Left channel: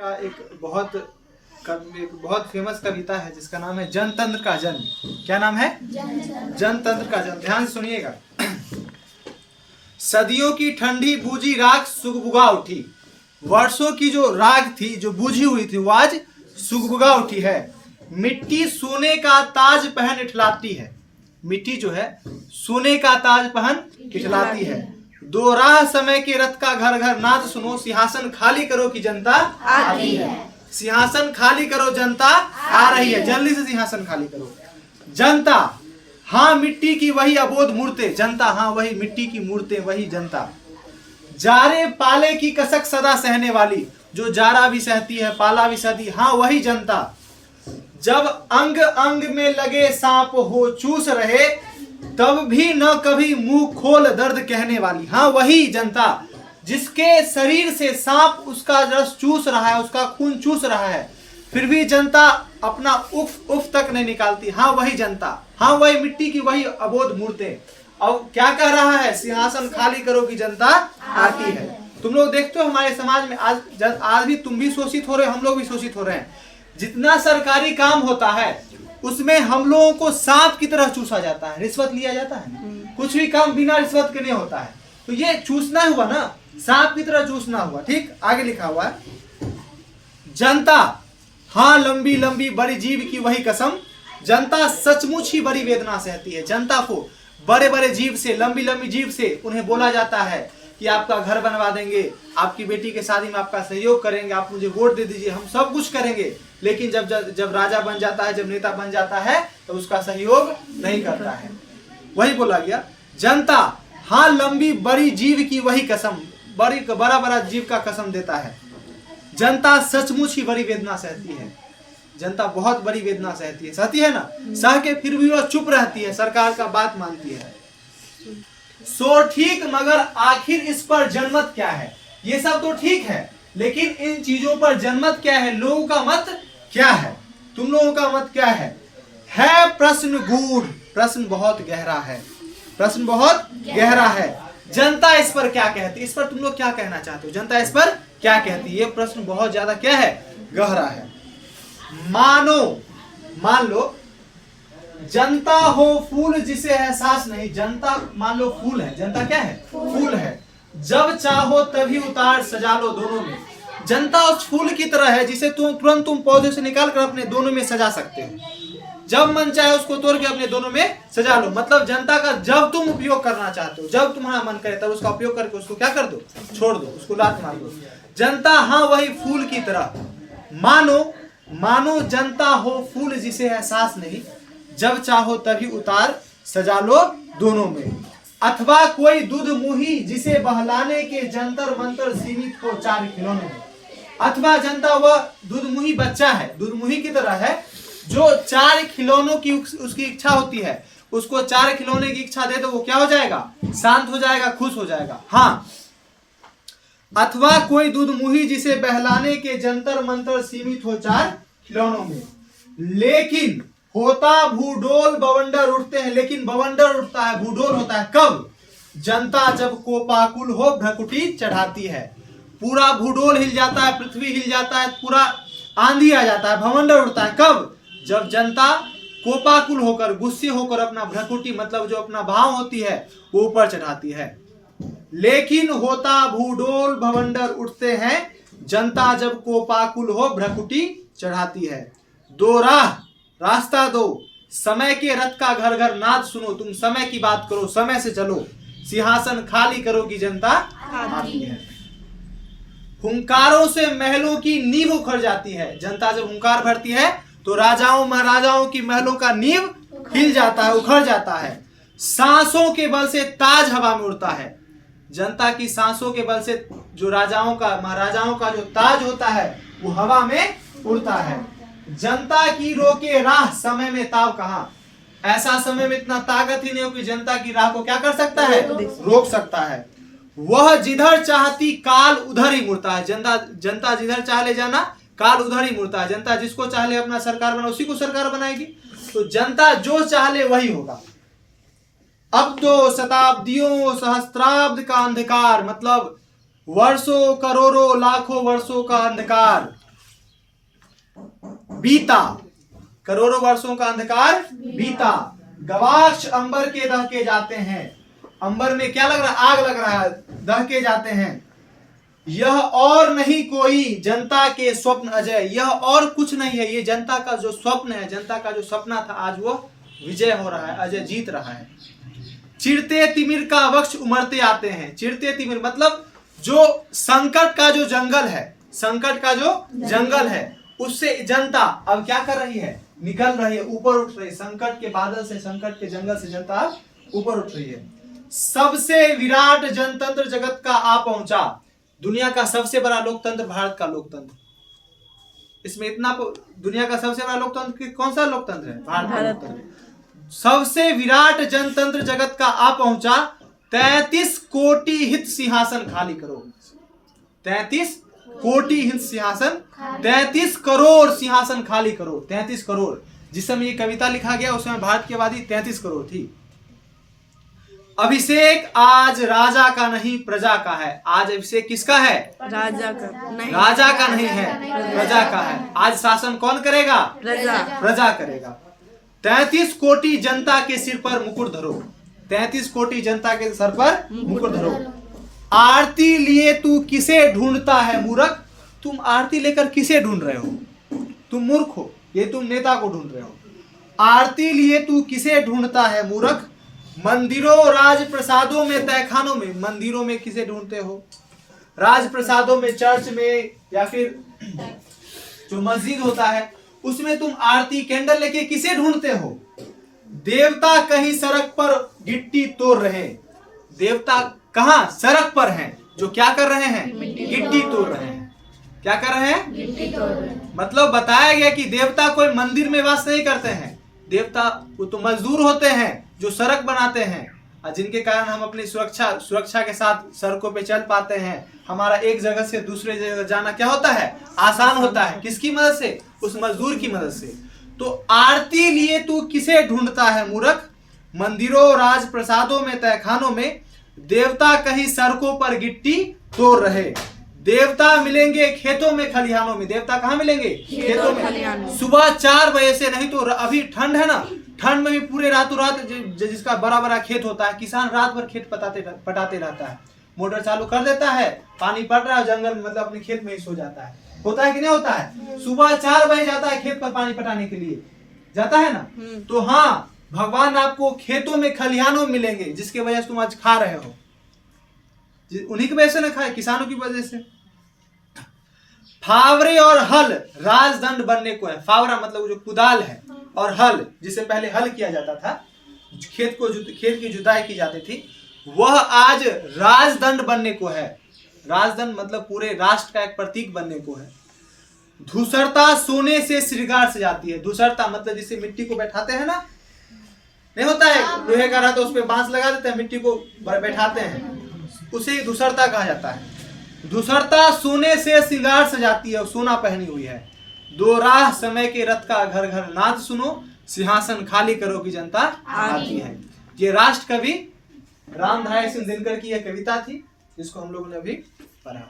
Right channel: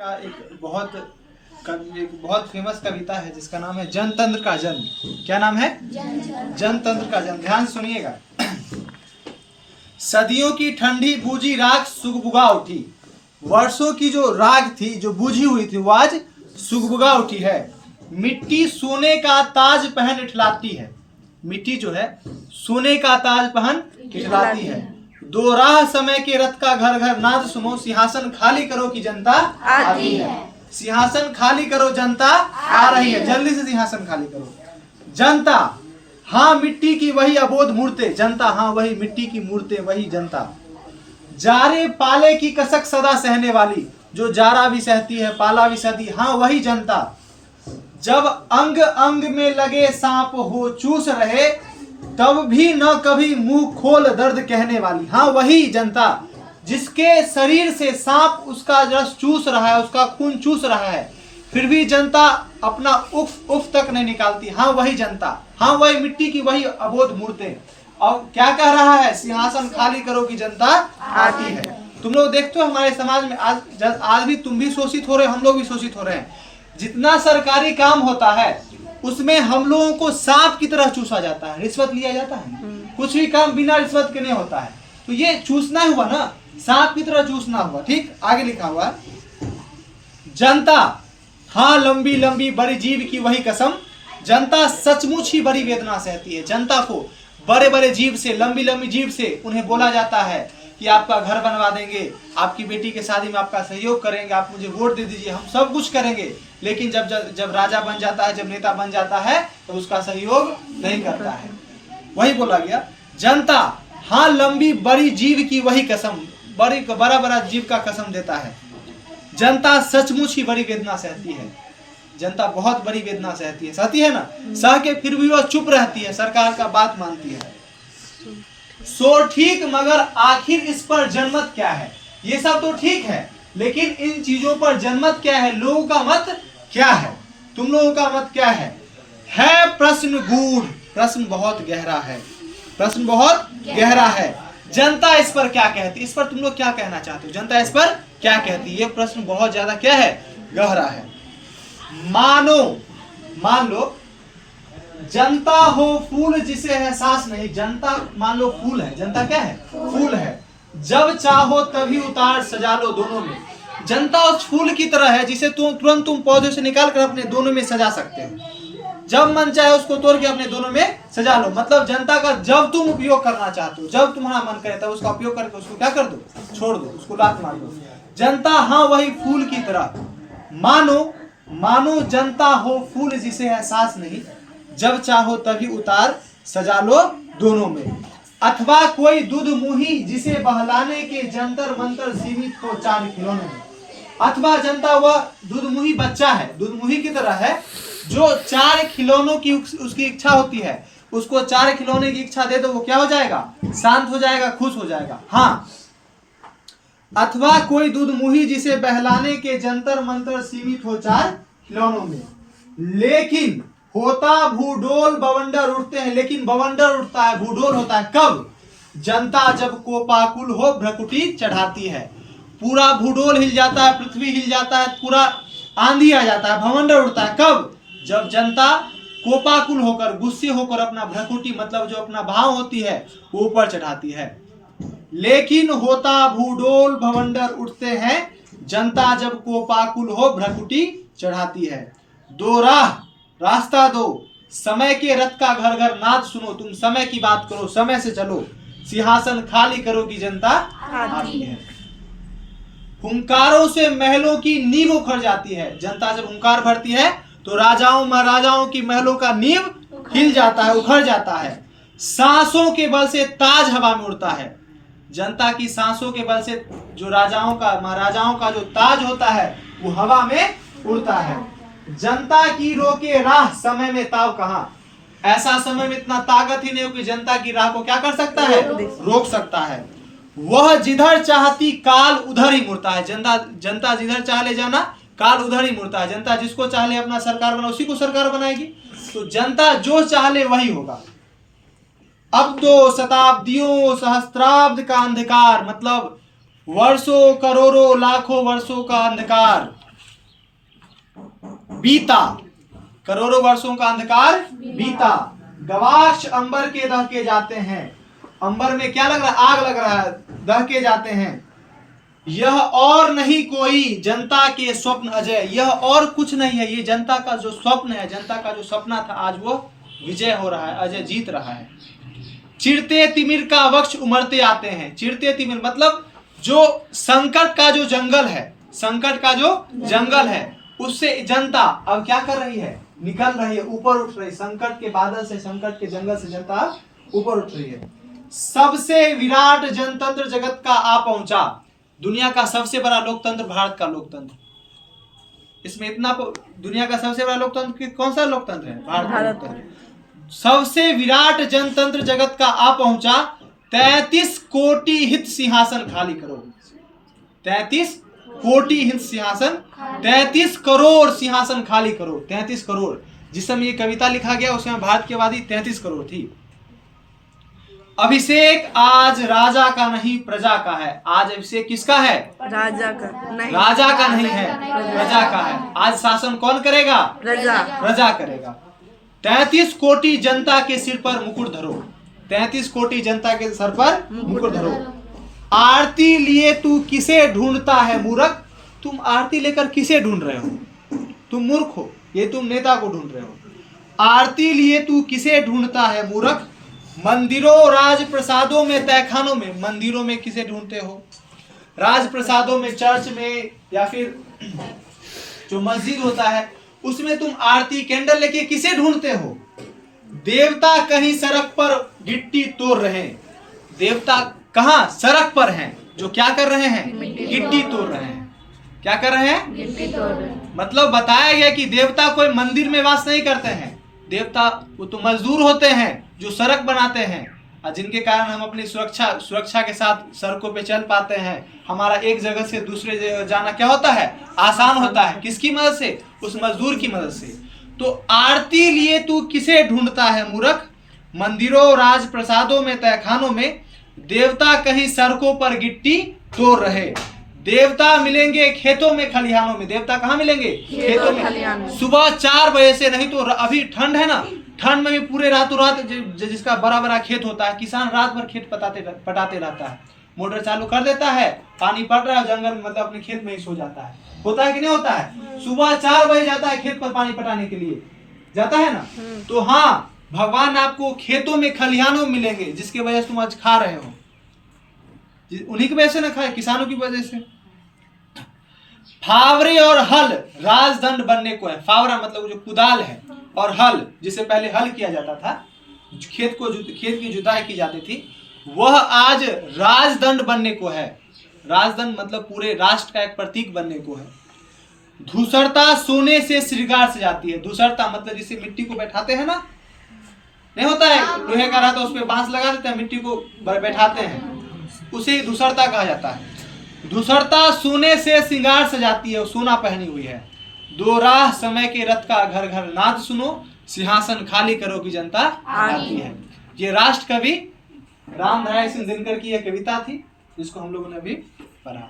का एक बहुत फेमस कविता है जिसका नाम है जनतंत्र का जन्म। क्या नाम है? जनतंत्र का जन्म। ध्यान से सुनिएगा। सदियों की ठंडी बूझी राख सुगबुगा उठी। वर्षों की जो राख थी, जो बूझी हुई थी, वो आज सुगबुगा उठी है। मिट्टी सोने का ताज पहन इठलाती है। मिट्टी जो है सोने का ताज पहन इठलाती है। दो राह समय के रथ का घर घर नाद सुनो। सिंहासन खाली करो कि जनता आती है। सिंहासन खाली करो, जनता आ रही है। जल्दी से सिंहासन खाली करो। जनता हाँ मिट्टी की वही अबोध मूर्तें। जनता हाँ वही मिट्टी की मूर्तें, वही जनता। जारे पाले की कसक सदा सहने वाली, जो जारा भी सहती है, पाला भी सहती है, हाँ वही जनता। जब अंग अंग में लगे सांप हो चूस रहे, तब भी न कभी मुंह खोल दर्द कहने वाली, हाँ वही जनता। जिसके शरीर से सांप उसका रस चूस रहा है, उसका खून चूस रहा है, फिर भी जनता अपना उफ उफ तक नहीं निकालती, हाँ वही जनता। हाँ वही मिट्टी की वही अबोध मूर्तें। अब क्या कह रहा है? सिंहासन खाली करो कि जनता आती है। तुम लोग देखते हो हमारे समाज में आज भी तुम भी शोषित हो रहे हो, हम लोग भी शोषित हो रहे हैं। जितना सरकारी काम होता है उसमें हम लोगों को सांप की तरह चूसा जाता है, रिश्वत लिया जाता है। कुछ भी काम बिना रिश्वत के नहीं होता है। तो ये चूसना हुआ ना, सांप की तरह चूसना हुआ। ठीक, आगे लिखा हुआ है जनता हाँ लंबी लंबी बड़ी जीव की वही कसम। जनता सचमुच ही बड़ी वेदना सहती है। जनता को बड़े बड़े जीव से, लंबी लंबी जीव से उन्हें बोला जाता है कि आपका घर बनवा देंगे, आपकी बेटी के शादी में आपका सहयोग करेंगे, आप मुझे वोट दे दीजिए, हम सब कुछ करेंगे। लेकिन जब राजा बन जाता है, जब नेता बन जाता है, तो उसका सहयोग नहीं करता है। वही बोला गया जनता हाँ लंबी बड़ी जीव की वही कसम। बड़ा बड़ा जीव का कसम देता है। जनता सचमुच ही बड़ी वेदना सहती है। जनता बहुत बड़ी वेदना सहती है ना, सह के फिर भी वह चुप रहती है, सरकार का बात मानती है। सो ठीक, मगर आखिर इस पर जनमत क्या है? ये सब तो ठीक है, लेकिन इन चीजों पर जनमत क्या है? लोगों का मत क्या है? तुम लोगों का मत क्या है? प्रश्न गूढ़, प्रश्न बहुत गहरा है, प्रश्न बहुत गहरा है। जनता इस पर क्या कहती है? इस पर तुम लोग क्या कहना चाहते हो? जनता इस पर क्या कहती है? ये प्रश्न बहुत ज्यादा क्या है? गहरा है। मान लो जनता हो फूल जिसे एहसास नहीं। जनता मान लो फूल है। जनता क्या है? फूल है। जब चाहो तभी उतार सजा लो दोनों में। जनता उस फूल की तरह है जिसे तुरंत तुम पौधे से निकाल कर अपने दोनों में सजा सकते हो। जब मन चाहे उसको तोड़ के अपने दोनों में सजा लो। मतलब जनता का जब तुम उपयोग करना चाहते हो, जब तुम्हारा मन करे तब उसका उपयोग करके उसको क्या कर दो? छोड़ दो, उसको लात मार दो। जनता हाँ वही फूल की तरह। मानो जनता हो फूल जिसे एहसास नहीं। जब चाहो तभी उतार सजा लो दोनों में। अथवा कोई दूध मुही जिसे बहलाने के जंतर मंतर सीमित हो चार खिलौनों में। अथवा जनता वह दूध मुही बच्चा है, दूध मुही की तरह है, जो चार खिलौनों की उसकी इच्छा होती है। उसको चार खिलौने की इच्छा दे तो वो क्या हो जाएगा? शांत हो जाएगा, खुश हो जाएगा। हाँ, अथवा कोई दूध मुही जिसे बहलाने के जंतर मंतर सीमित हो चार खिलौनों में। लेकिन होता भूडोल बवंडर उठते हैं। लेकिन बवंडर उठता है, भूडोल होता है कब? जनता जब कोपाकुल हो भ्रकुटी चढ़ाती है। पूरा भूडोल हिल जाता है, पृथ्वी हिल जाता है, पूरा आंधी आ जाता है, भवंडर उठता है कब? जब जनता कोपाकुल होकर, गुस्से होकर अपना भ्रकुटी मतलब जो अपना भाव होती है वो ऊपर चढ़ाती है। लेकिन होता भूडोल भवंडर उठते हैं, जनता जब कोपाकुल हो भ्रकुटी चढ़ाती है। दो रास्ता दो, समय के रथ का घर घर नाद सुनो। तुम समय की बात करो, समय से चलो। सिंहासन खाली करो कि जनता आती है। हुंकारों से महलों की नींव उखड़ जाती है। जनता जब हुंकार भरती है तो राजाओं महाराजाओं की महलों का नींव हिल जाता है, उखड़ जाता है। सांसों के बल से ताज हवा में उड़ता है। जनता की सांसों के बल से जो राजाओं का महाराजाओं का जो ताज होता है वो हवा में उड़ता है। जनता की रोके राह समय में ताव कहां? ऐसा समय में इतना ताकत ही नहीं हो कि जनता की राह को क्या कर सकता है? रोक सकता है। वह जिधर चाहती काल उधर ही मुड़ता है। जनता जिधर चाह ले जाना, काल उधर ही मुड़ता है। जनता जिसको चाह ले अपना सरकार बना, उसी को सरकार बनाएगी। तो जनता जो चाह ले वही होगा। अब तो शताब्दियों सहस्त्राब्द का अंधकार, मतलब वर्षों करोड़ों लाखों वर्षों का अंधकार बीता, करोड़ों वर्षों का अंधकार बीता। गवाक्ष अंबर के दहके जाते हैं, अंबर में क्या लग रहा है, आग लग रहा है, दहके जाते हैं। यह और नहीं कोई जनता के स्वप्न अजय, यह और कुछ नहीं है, ये जनता का जो स्वप्न है, जनता का जो सपना था, आज वो विजय हो रहा है, अजय जीत रहा है। चिरते तिमिर का वृक्ष उमड़ते आते हैं, चिरते तिमिर मतलब जो संकट का जो जंगल है, संकट का जो जंगल है, उससे जनता अब क्या कर रही है, निकल रही है, ऊपर उठ रही है। संकट के बादल से, संकट के जंगल से जनता ऊपर उठ रही है। सबसे विराट जनतंत्र जगत का आ पहुंचा, दुनिया का सबसे बड़ा लोकतंत्र भारत का लोकतंत्र। इसमें इतना दुनिया का सबसे बड़ा लोकतंत्र कौन सा लोकतंत्र है, भारत का लोकतंत्र। सबसे विराट जनतंत्र जगत का आ पहुंचा, 33 कोटि हित सिंहासन खाली करो। 33 कोटि हित सिंहासन, 33 करोड़ सिंहासन खाली करो। 33 करोड़, जिस समय ये कविता लिखा गया उस समय भारत की आबादी 33 करोड़ थी। अभिषेक आज राजा का नहीं प्रजा का है, आज अभिषेक किसका है, राजा का नहीं, राजा का नहीं है, प्रजा का है। आज शासन कौन करेगा, प्रजा करेगा। 33 कोटि जनता के सिर पर मुकुट धरो, 33 कोटि जनता के सर पर मुकुट धरो। आरती लिए तू किसे ढूंढता है मूर्ख, तुम आरती लेकर किसे ढूंढ रहे हो, तुम मूर्ख हो, ये तुम नेता को ढूंढ रहे हो। आरती लिए तू किसे ढूंढता है मूर्ख, मंदिरों राजप्रसादों में तहखानों में, मंदिरों में किसे ढूंढते हो, राजप्रसादों में, चर्च में, या फिर जो मस्जिद होता है उसमें तुम आरती कैंडल लेके किसे ढूंढते हो। देवता कहीं सड़क पर गिट्टी तोड़ रहे, देवता कहाँ, सड़क पर हैं, जो क्या कर रहे हैं, गिट्टी तोड़ रहे हैं। क्या कर रहे हैं, गिट्टी तोड़ रहे हैं। मतलब बताया गया कि देवता कोई मंदिर में वास नहीं करते हैं, देवता वो तो मजदूर होते हैं जो सड़क बनाते हैं, और जिनके कारण हम अपनी सुरक्षा के साथ सड़कों पे चल पाते हैं। हमारा एक जगह से दूसरे जगह जाना क्या होता है, आसान होता है। किसकी मदद से, उस मजदूर की मदद से। तो आरती लिए तू किसे ढूंढता है मूर्ख, मंदिरों राजप्रसादों में तहखानों में, देवता कहीं सड़कों पर गिट्टी तोड़ रहे। देवता मिलेंगे खेतों में खलिहानों में, देवता कहाँ मिलेंगे, खेतों में। सुबह 4 बजे से, नहीं तो अभी ठंड है ना, ठंड में भी पूरे रातों रात, जिसका बड़ा बड़ा खेत होता है, किसान रात भर खेत पटाते रहता है, मोटर चालू कर देता है, पानी पड़ रहा है, जंगल मतलब अपने खेत में ही सो जाता है। होता है कि नहीं होता है, सुबह 4 बजे जाता है खेत पर पानी पटाने के लिए, जाता है ना। तो हाँ, भगवान आपको खेतों में खलिहानों में मिलेंगे, जिसकी वजह से तुम आज खा रहे हो, उन्हीं की वजह से ना खाए, किसानों की वजह से। फावरे और हल राजदंड बनने को है, फावरा मतलब जो कुदाल है, और हल जिसे पहले हल किया जाता था, खेत की जुताई की जाती थी, वह आज राजदंड बनने को है। राजदंड मतलब पूरे राष्ट्र का एक प्रतीक बनने को है। धूसरता सोने से श्रृंगार से जाती है, धूसरता मतलब जिसे मिट्टी को बैठाते हैं ना, नहीं होता है, लोहे का रहता है उस पर बांस लगा देते हैं, मिट्टी को बैठाते हैं, उसे धूसरता कहा जाता है। धूसरता सोने से श्रृंगार सजाती है, सोना पहनी हुई है। दो राह समय के रथ का घर घर नाद सुनो, सिंहासन खाली करो की जनता आती है। ये राष्ट्र कवि रामधारी सिंह दिनकर की यह कविता थी, जिसको हम लोगों ने अभी पढ़ा।